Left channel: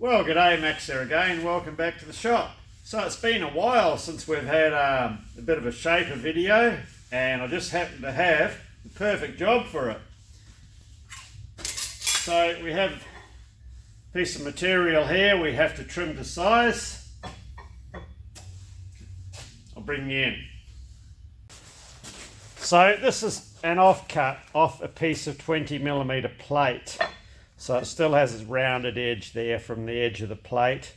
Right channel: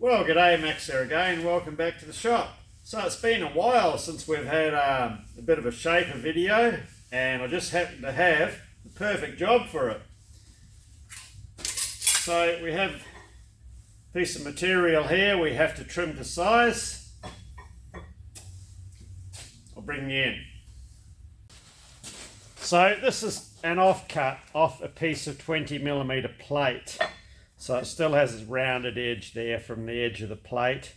Well, g'day, Max here again. Welcome back to the shop. So it's been a while since we've had a bit of a shaper video, and I just happen to have the perfect job for it. So we have a piece of material here we have to trim to size. I'll bring you in. So this is an offcut off a piece of 20mm plate. So it still has its rounded edge there from the edge of the plate.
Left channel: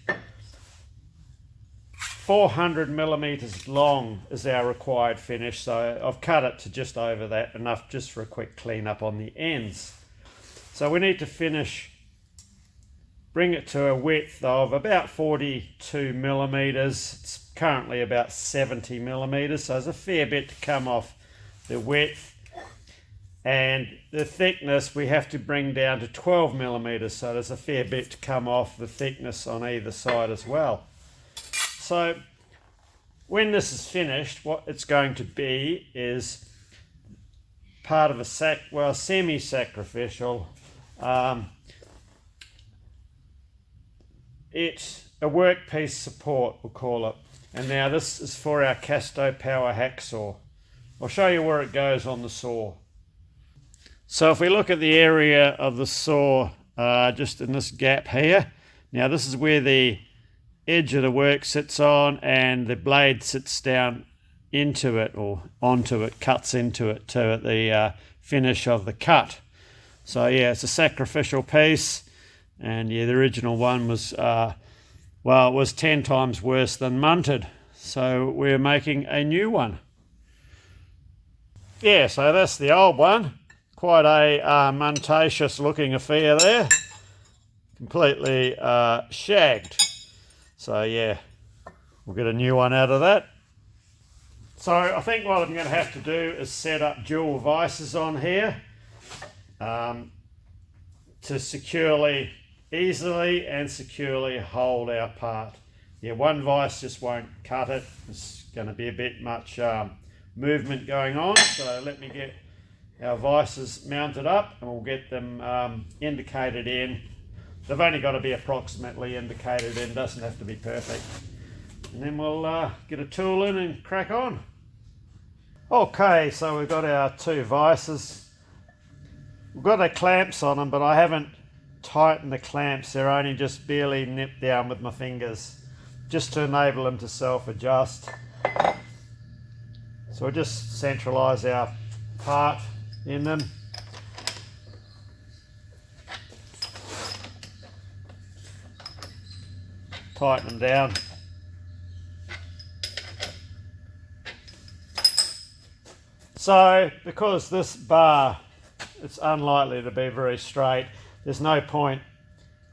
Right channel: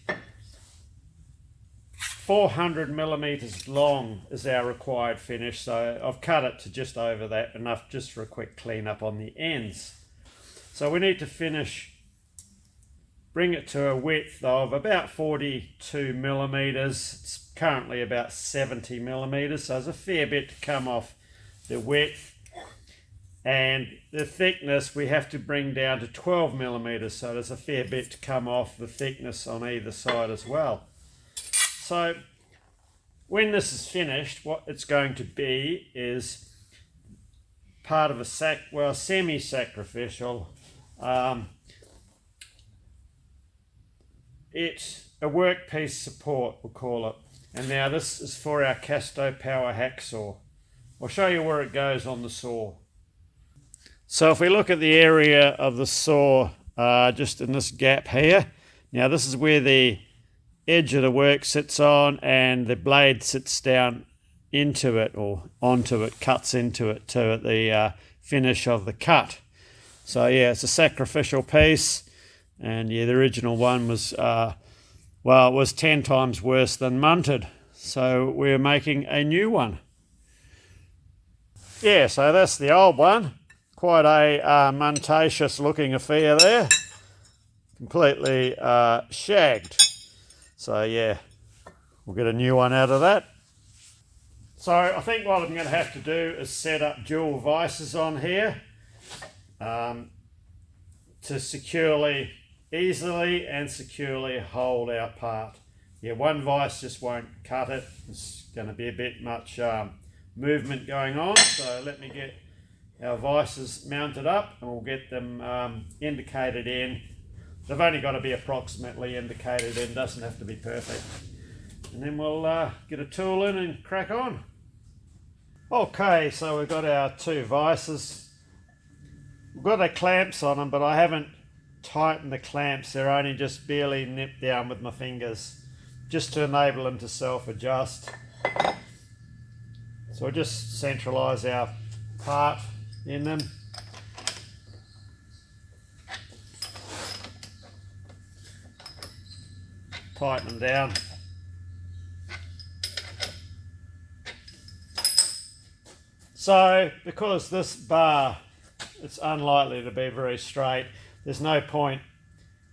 400mm long is our required finish, so I've cut it to just over that, enough just for a quick clean up on the ends. So we need to bring it to a width of about 42mm. It's currently about 70mm, so there's a fair bit to come off the width. And the thickness we have to bring down to 12mm, so there's a fair bit to come off the thickness on either side as well. So when this is finished, what it's going to be is part of a semi-sacrificial. It's a workpiece support, we'll call it. And now this is for our Casto Power hacksaw. I'll show you where it goes on the saw. So if we look at the area of the saw, just in this gap here, now this is where the edge of the work sits on and the blade sits down into it or onto it, cuts into it to the finish of the cut. So yeah, it's a sacrificial piece, and yeah, the original one was, well, it was 10 times worse than munted. So we're making a new one. Yeah, so that's the old one. Quite a muntacious looking affair there, completely shagged. So yeah, we'll get a new one out of that. So I think what I'm going to have to do is set up dual vices on here to easily and securely hold our part. Yeah, one vice just won't cut it. It's going to be a bit much movement going on, so let me get our vices mounted up and we'll get them indicated in. They've only got to be approximately indicated in, doesn't have to be perfect. And then we'll get a tool in and crack on. Okay, so we've got our two vices. We've got our clamps on them, but I haven't tightened the clamps. They're only just barely nipped down with my fingers, just to enable them to self-adjust. So we'll just centralise our part in them. Tighten them down. So because this bar, it's unlikely to be very straight, there's no point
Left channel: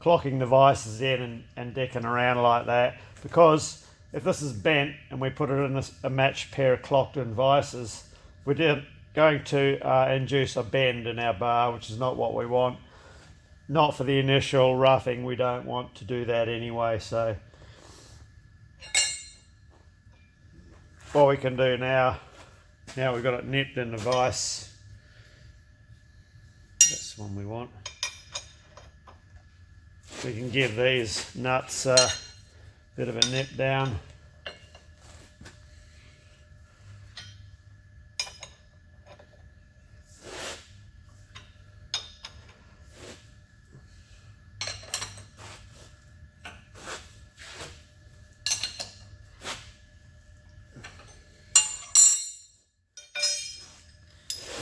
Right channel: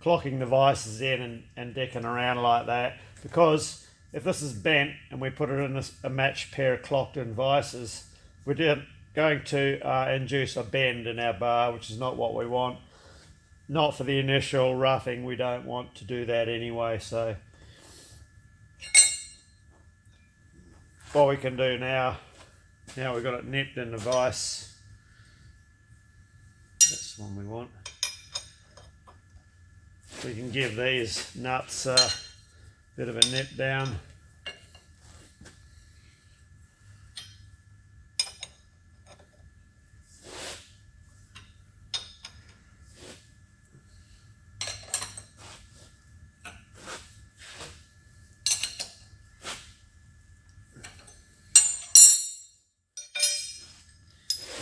clocking the vices in and decking around like that, because if this is bent and we put it in a matched pair of clocked in vices, we're going to induce a bend in our bar, which is not what we want. Not for the initial roughing, we don't want to do that anyway. So what we can do now we've got it nipped in the vice, that's the one we want. We can give these nuts a bit of a nip down.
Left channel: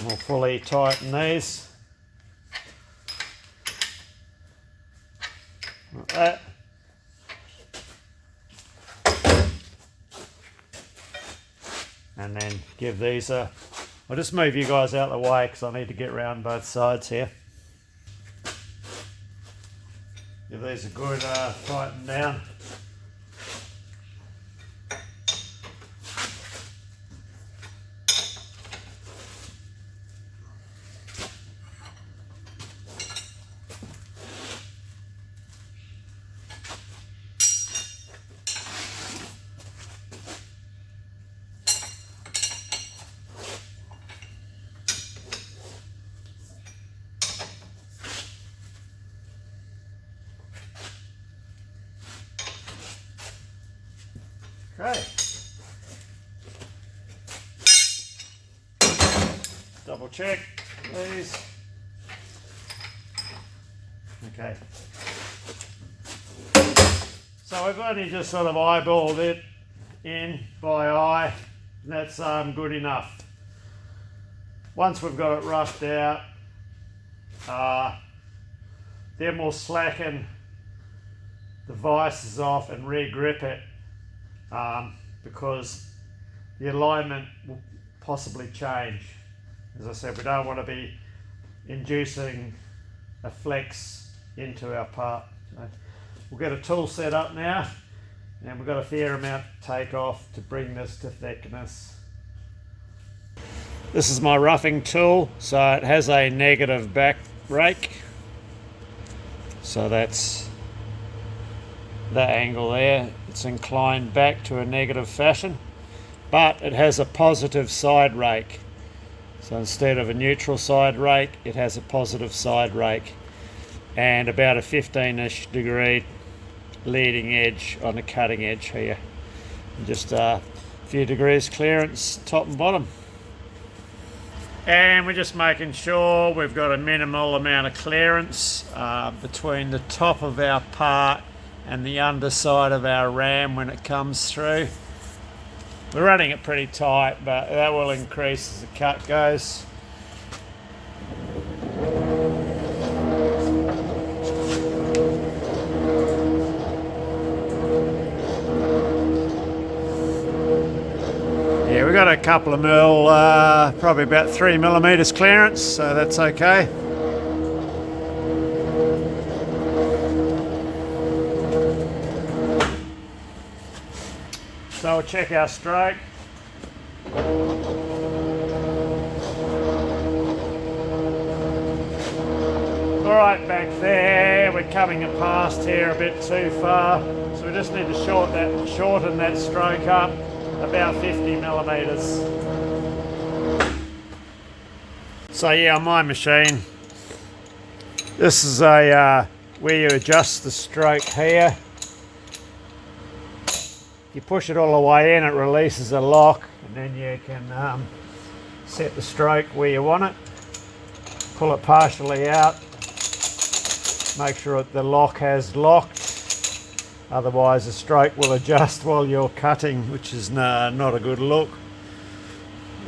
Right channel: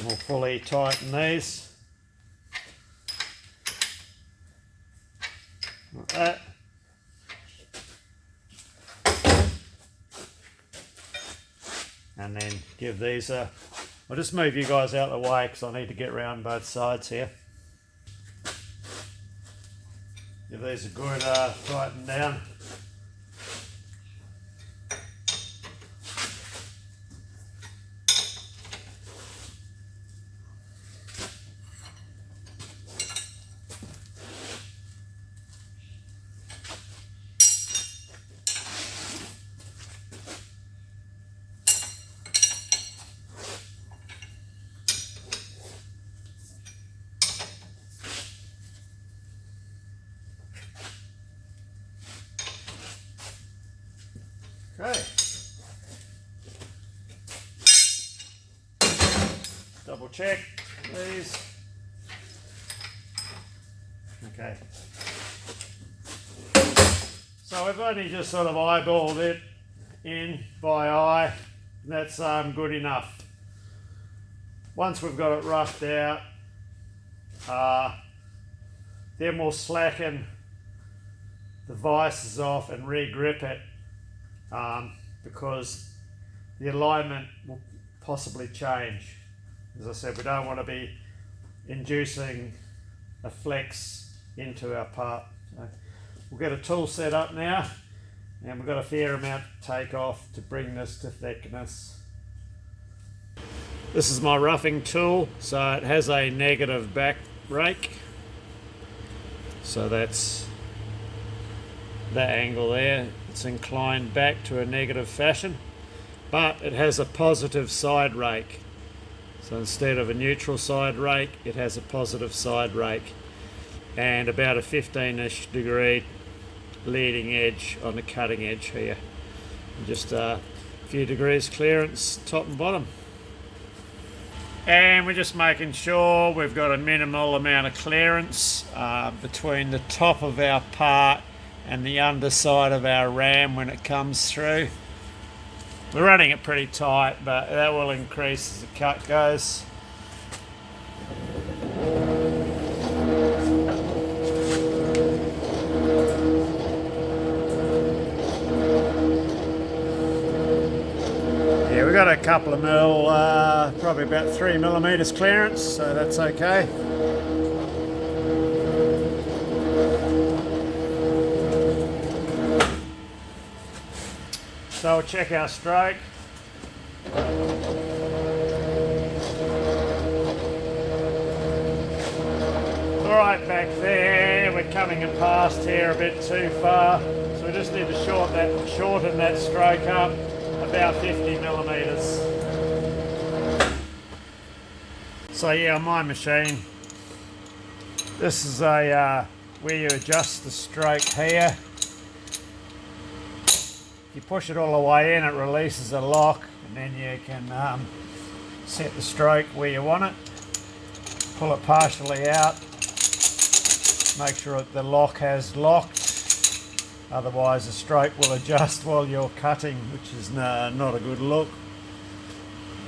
We'll fully tighten these. Like that. And then give these a... I'll just move you guys out of the way because I need to get around both sides here. Give these a good tighten down. Okay. Double check, please. Okay. So we've only just sort of eyeballed it in by eye, and that's good enough. Once we've got it roughed out, then we'll slacken the vices off and re-grip it, because the alignment will possibly change. As I said, we don't want to be inducing a flex into our part. So we'll get a tool set up now, and we've got a fair amount to take off to bring this to thickness. This is my roughing tool, so it has a negative back rake. So that's that angle there. It's inclined back to a negative fashion, but it has a positive side rake. So instead of a neutral side rake, it has a positive side rake, and about a 15-ish degree leading edge on the cutting edge here. And just a few degrees clearance top and bottom. And we're just making sure we've got a minimal amount of clearance between the top of our part and the underside of our ram when it comes through. We're running it pretty tight, but that will increase as the cut goes. Yeah, we've got a couple of mil, probably about 3 millimeters clearance, so that's okay. So we'll check our stroke. Alright, back there, we're coming past here a bit too far, so we just need to shorten that stroke up about 50 millimeters. So yeah, on my machine, this is a where you adjust the stroke here. You push it all the way in, it releases a lock, and then you can set the stroke where you want it. Pull it partially out, make sure that the lock has locked, otherwise the stroke will adjust while you're cutting, which is not a good look.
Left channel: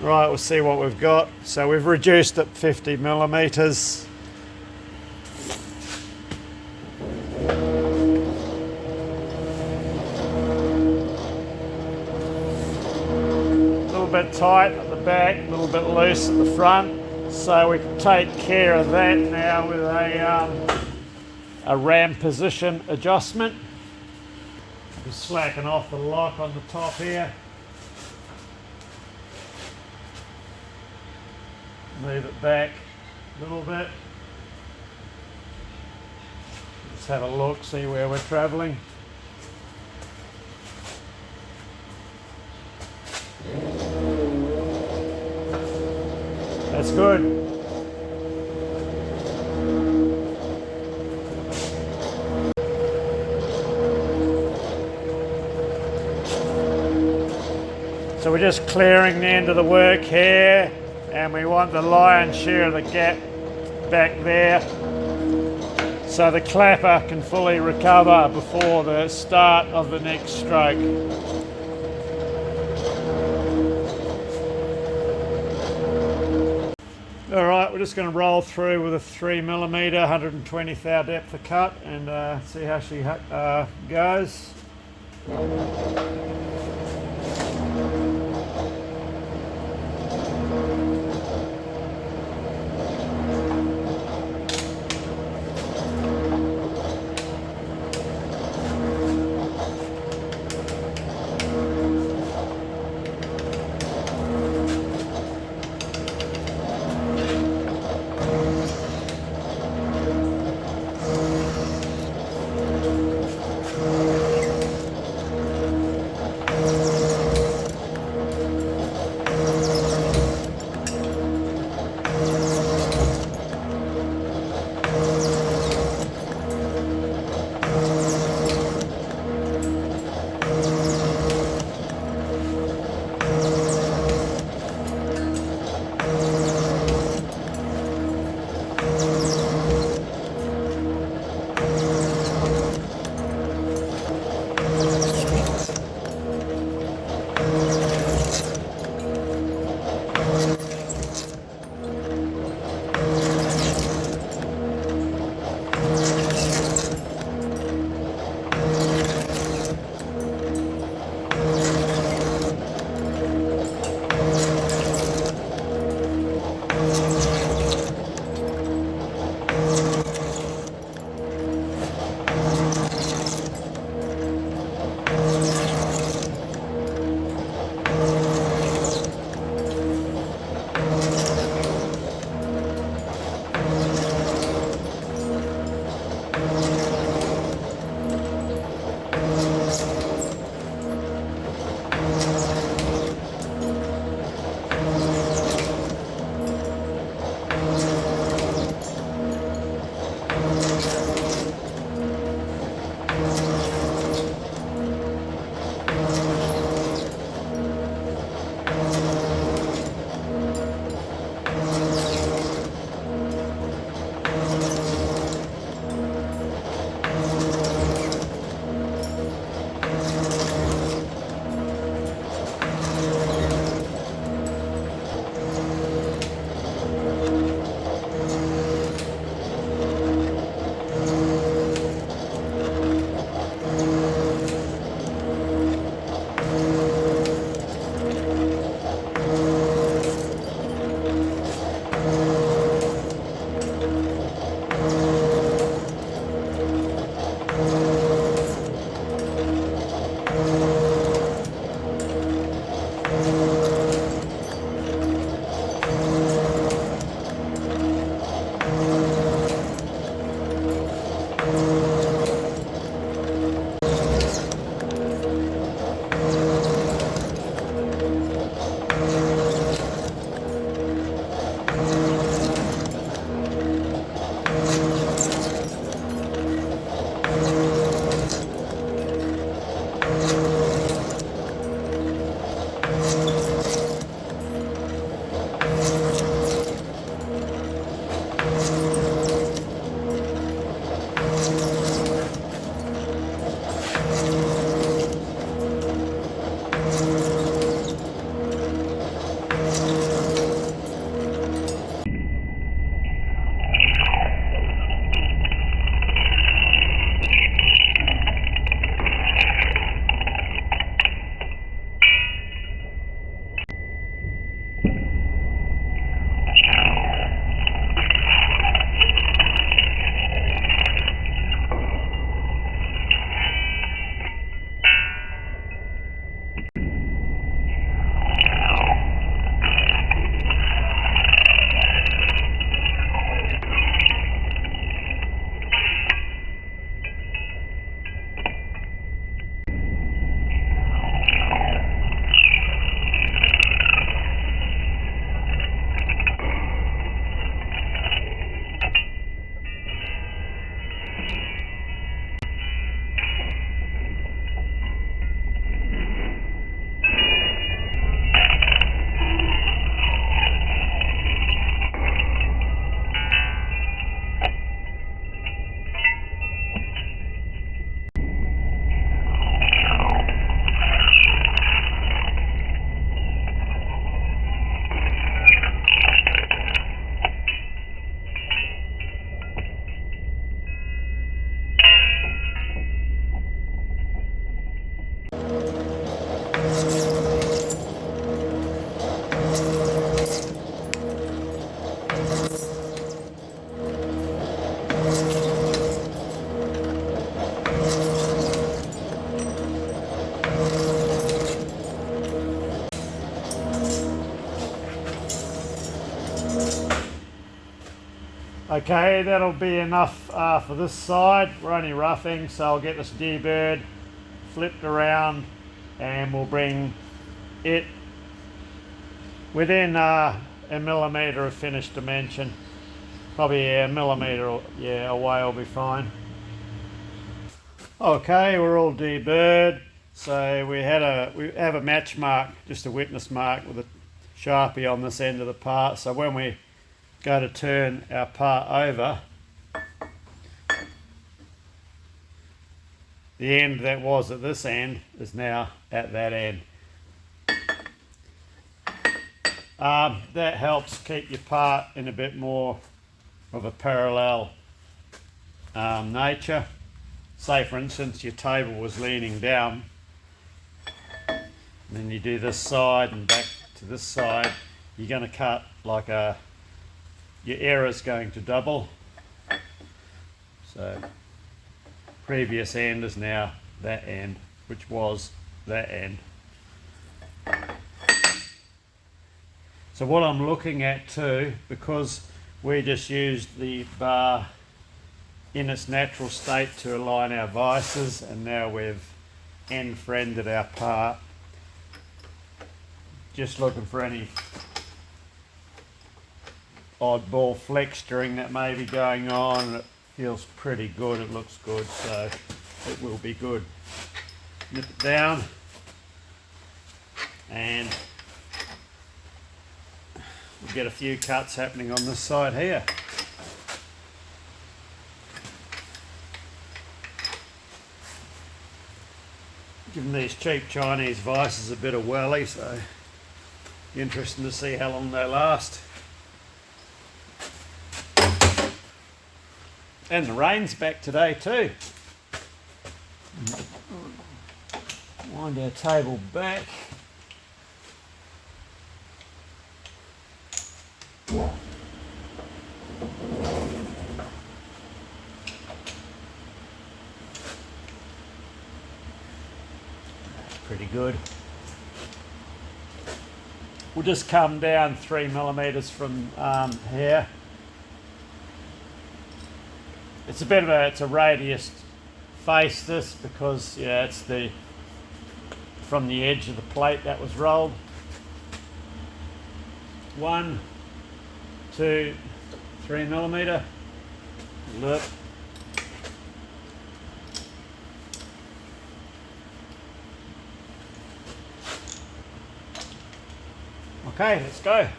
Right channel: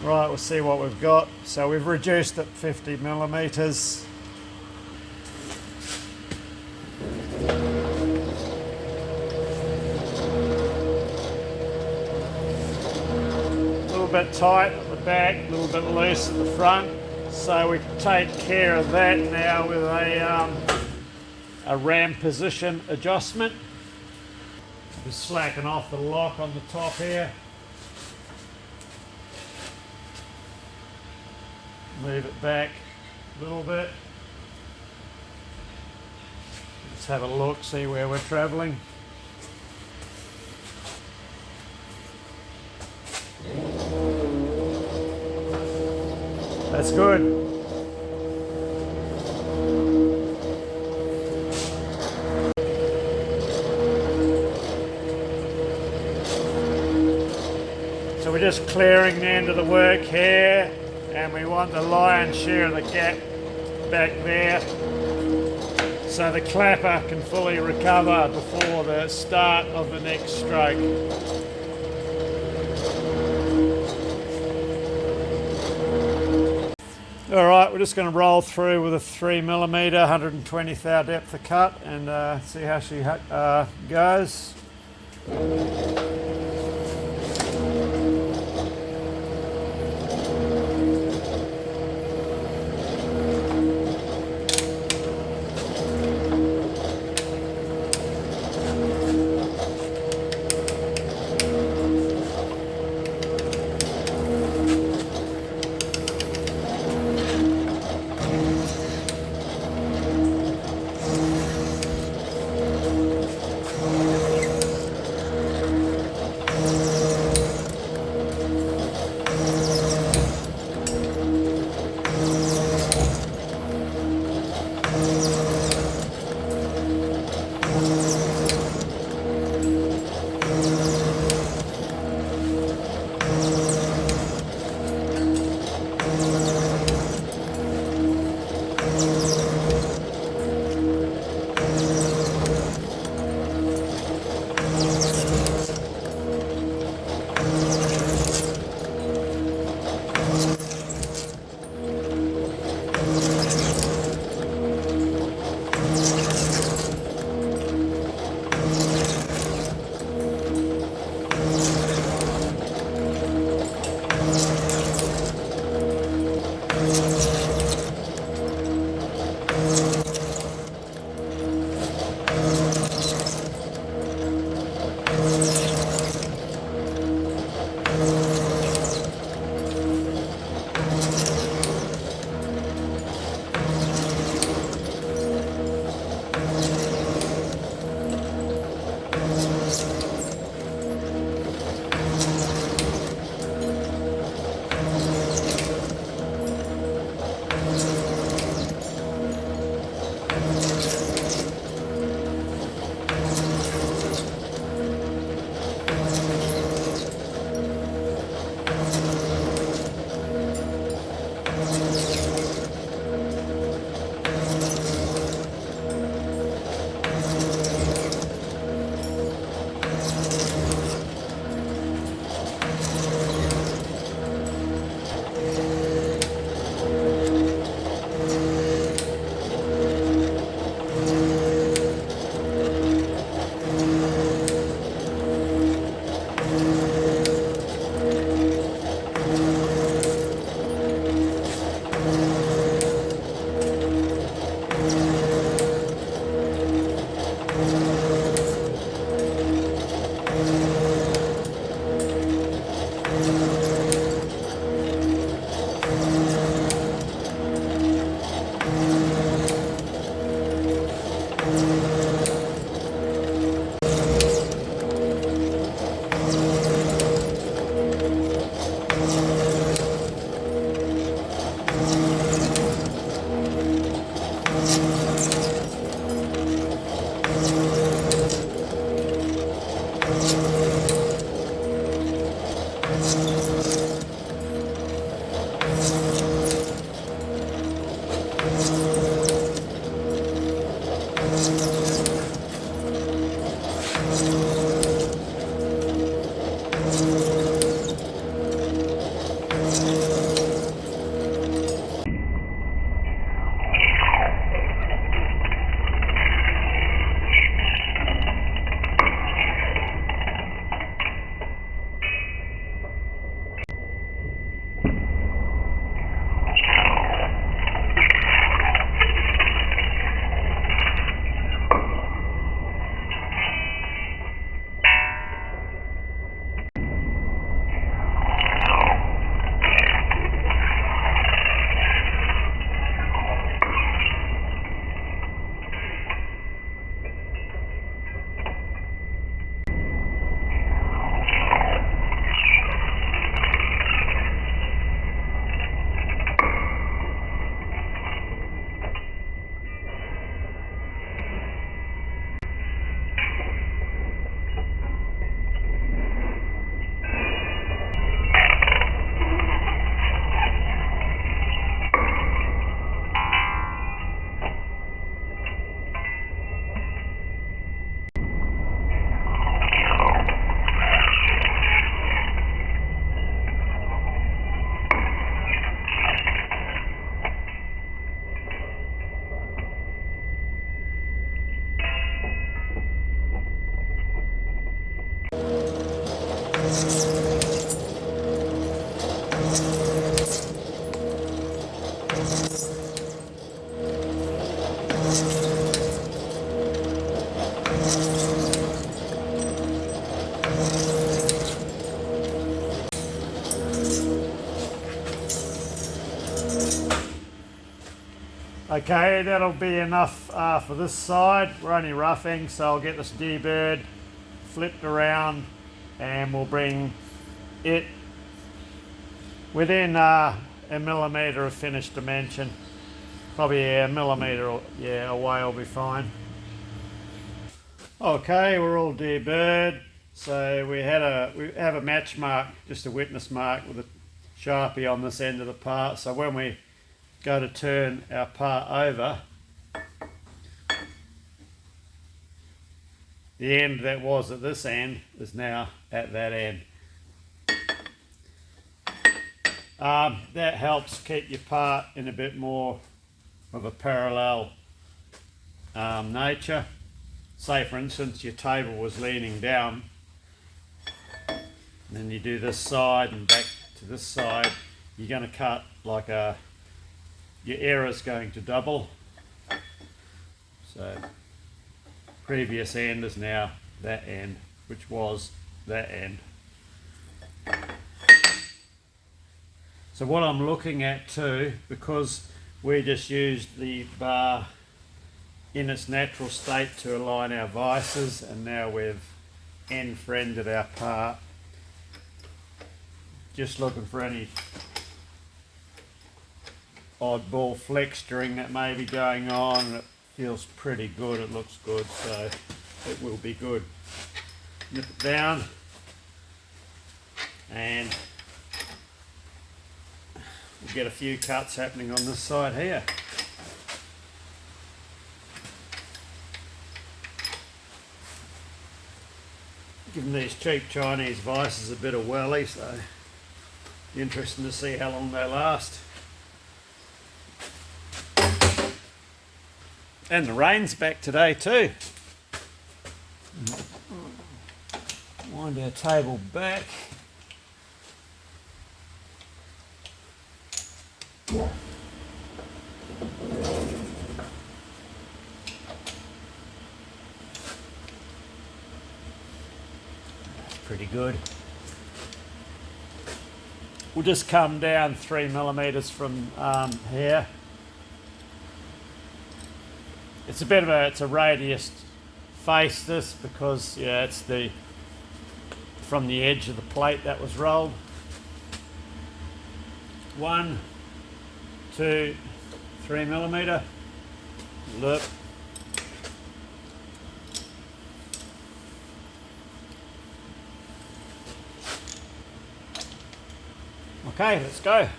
Right, we'll see what we've got. So we've reduced it 50 millimeters. Bit tight at the back, a little bit loose at the front, so we take care of that now with a ram position adjustment. We slacken off the lock on the top here, move it back a little bit, let's have a look, see where we're travelling. That's good. So we're just clearing the end of the work here, and we want the lion's share of the gap back there so the clapper can fully recover before the start of the next stroke. Alright, we're just going to roll through with a 3mm, 120 thou depth of cut, and see how she goes. Okay, that'll be enough for this side. We're only roughing, so I'll get this D-bird flipped around and we'll bring it within a millimetre of finished dimension. Probably a millimetre away will be fine. Okay, we're all D-bird. So we have a match mark, just a witness mark with a Sharpie on this end of the part. So when we go to turn our part over, the end that was at this end is now at that end. That helps keep your part in a bit more of a parallel nature. Say for instance your table was leaning down, and then you do this side and back to this side, you're going to cut like your error's going to double. So previous end is now that end, which was that end. So what I'm looking at too, because we just used the bar in its natural state to align our vices, and now we've end-friended our part, just looking for any oddball flexuring that may be going on. It feels pretty good, it looks good, so it will be good. Nip it down and we'll get a few cuts happening on this side here. Giving these cheap Chinese vices a bit of whirly, so interesting to see how long they last. And the rain's back today too. Wind our table back. That's pretty good. We'll just come down 3 millimeters from here. It's a bit of a radius face this, because it's from the edge of the plate that was rolled. 1, 2, 3 millimeter. Look. Okay, let's go.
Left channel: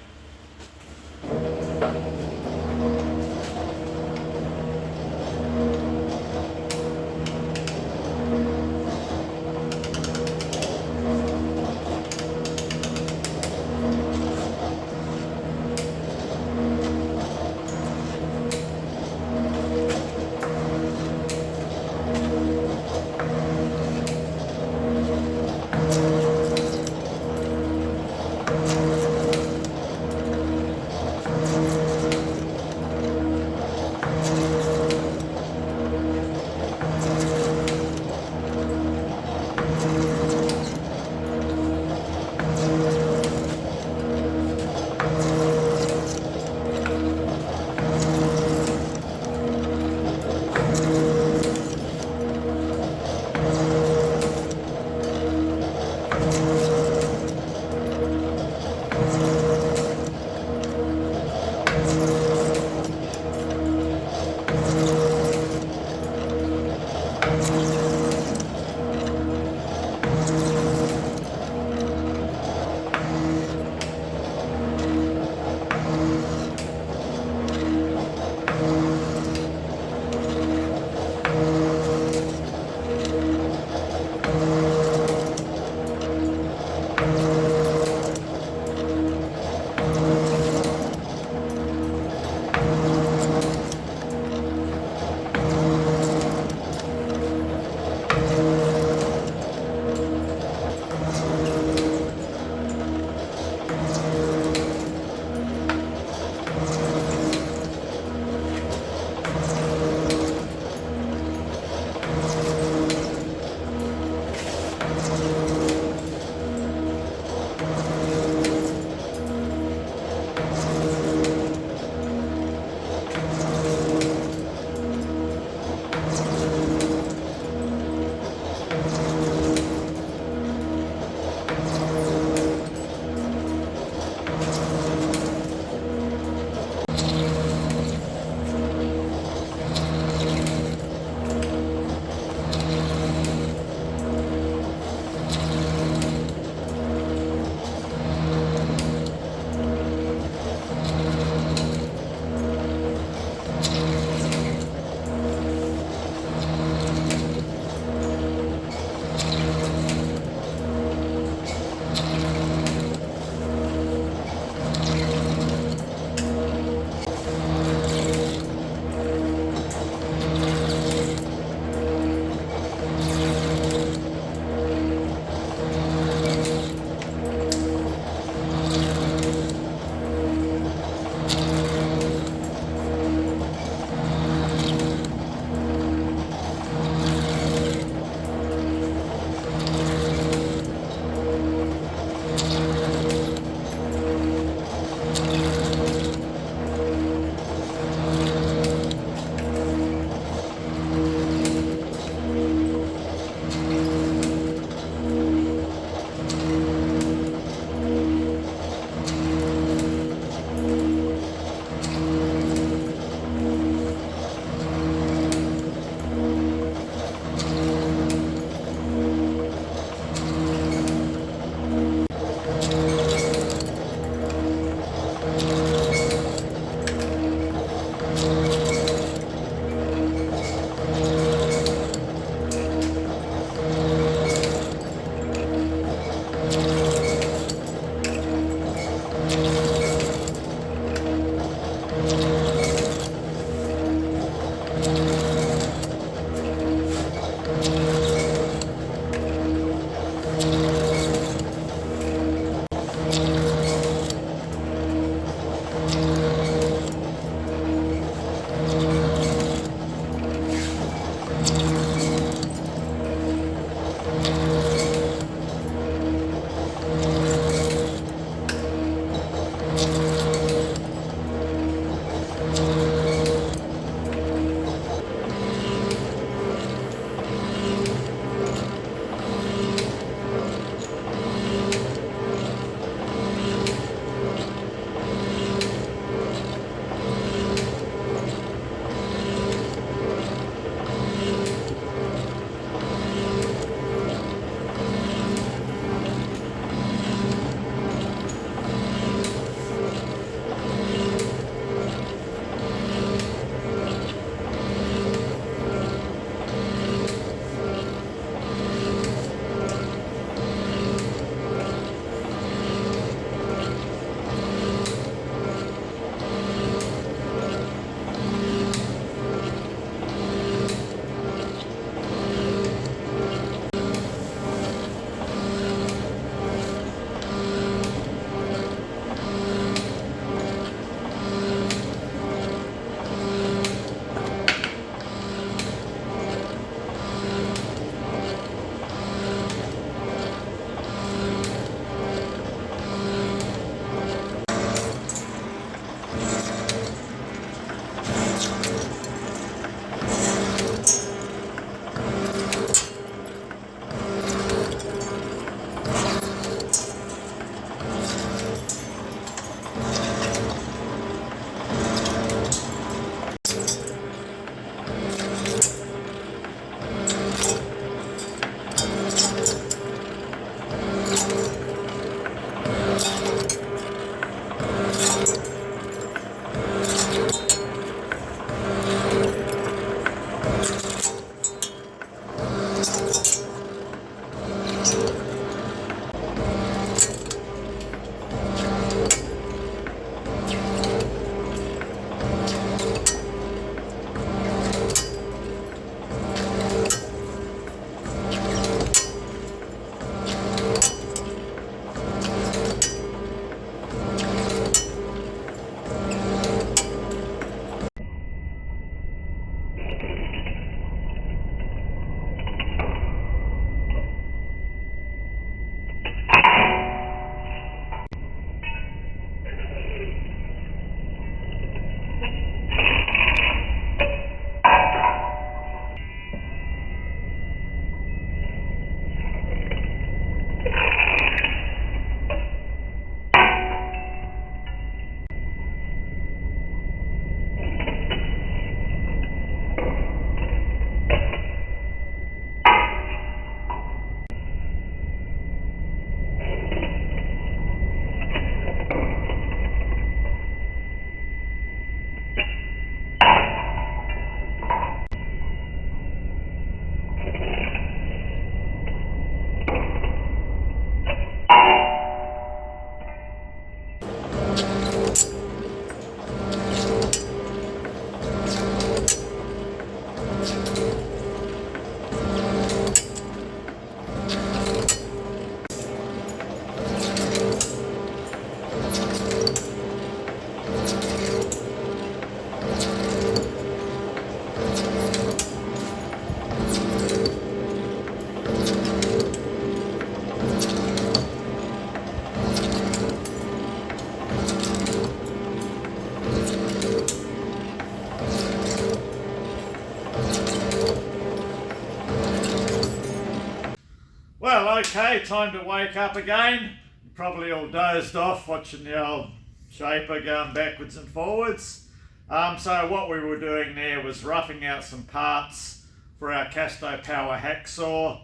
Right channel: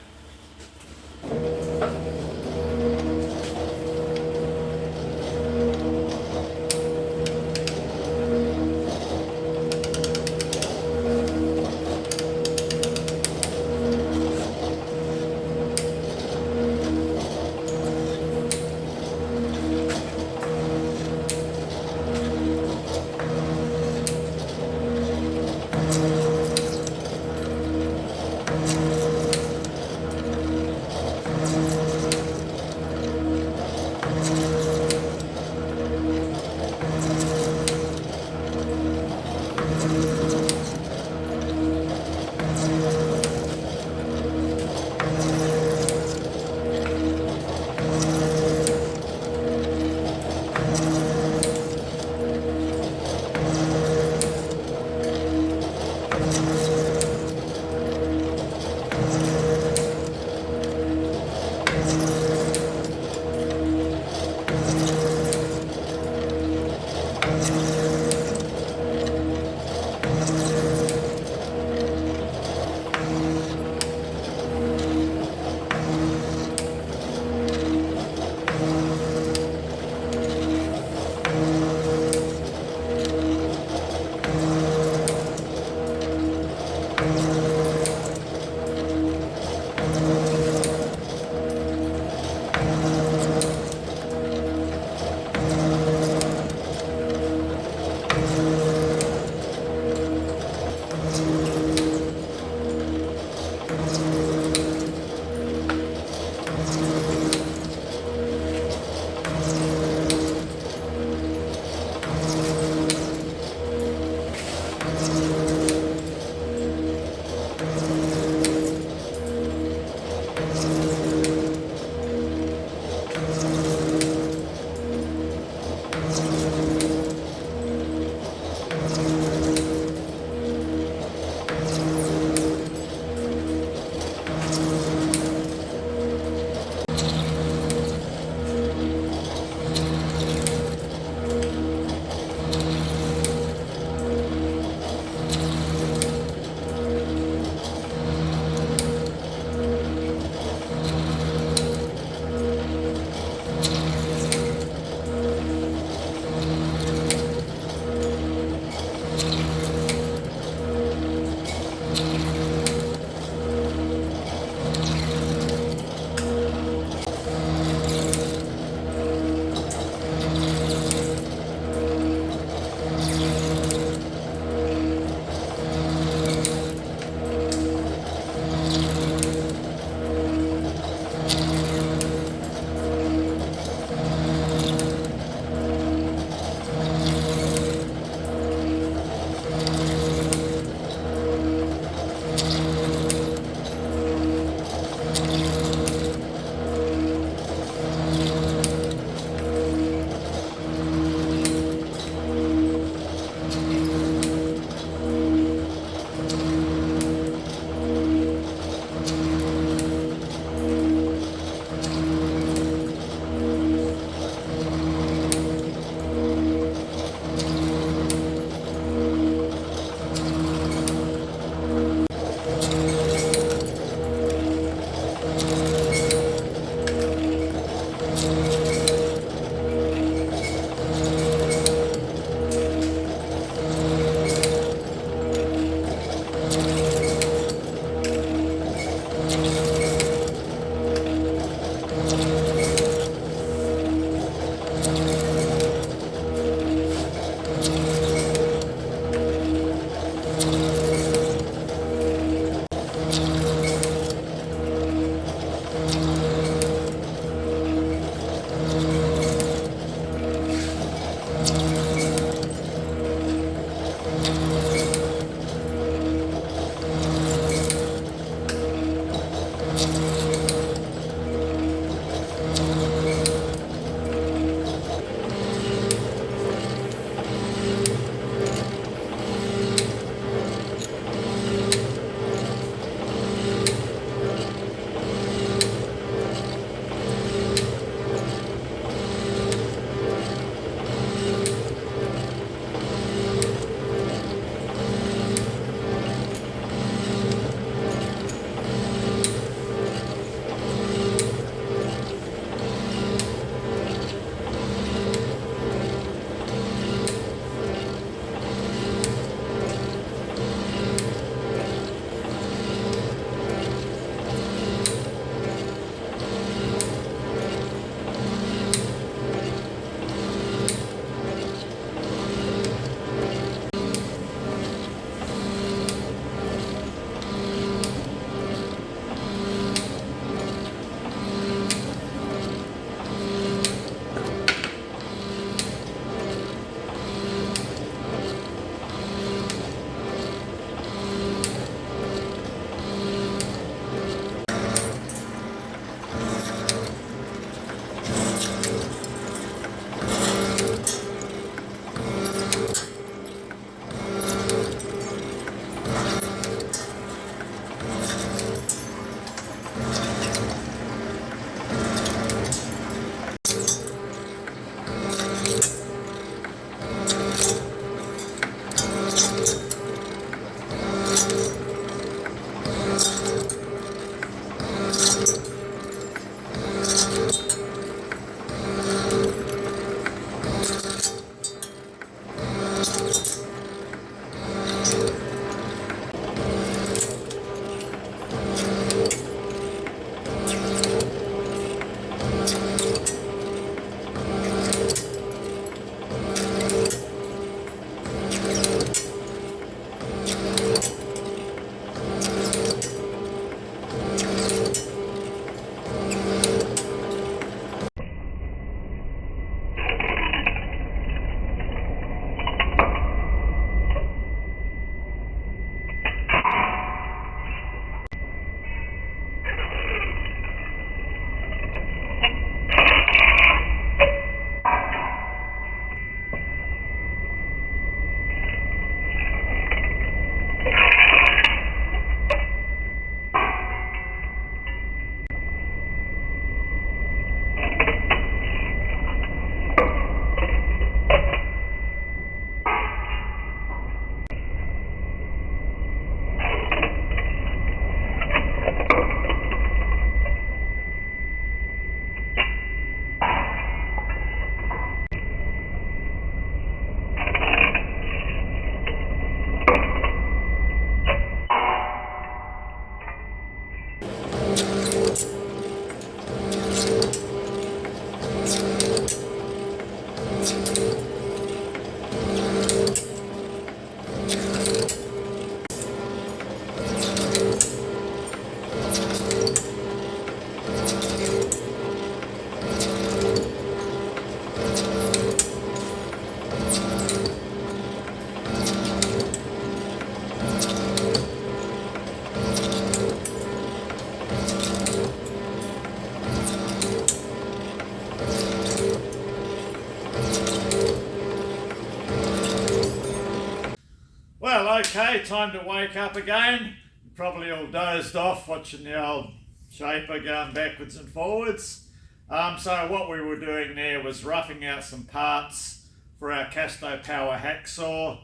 Well, okay, time to wake up again. Probably all dozed off watching the old shaper going backwards and forwards. So what we were doing there was roughing out some parts for our Casto Power hacksaw.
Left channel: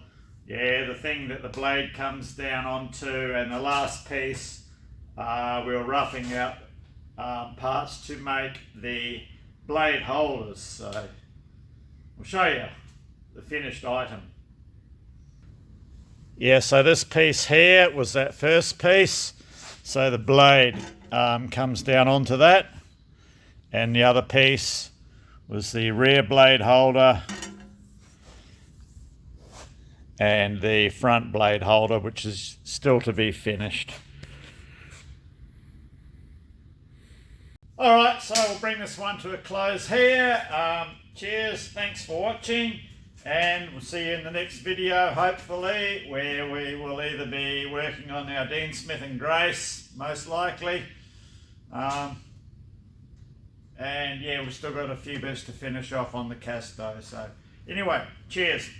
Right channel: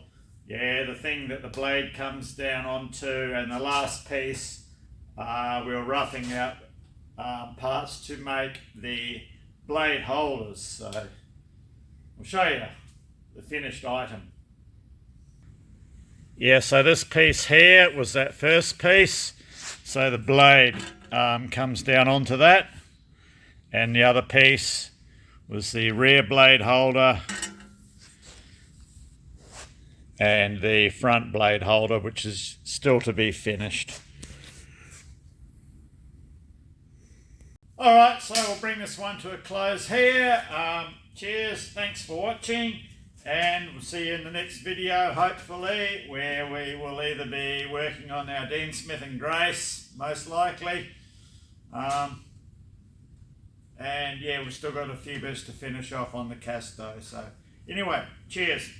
Yeah, the thing that the blade comes down onto, and the last piece we were roughing out parts to make the blade holders. So I'll show you the finished item. Yeah, so this piece here was that first piece. So the blade comes down onto that, and the other piece was the rear blade holder and the front blade holder, which is still to be finished. Alright, so we'll bring this one to a close here. Cheers, thanks for watching, and we'll see you in the next video, hopefully, where we will either be working on our Dean Smith and Grace, most likely. And yeah, we've still got a few bits to finish off on the Casto. So anyway, cheers.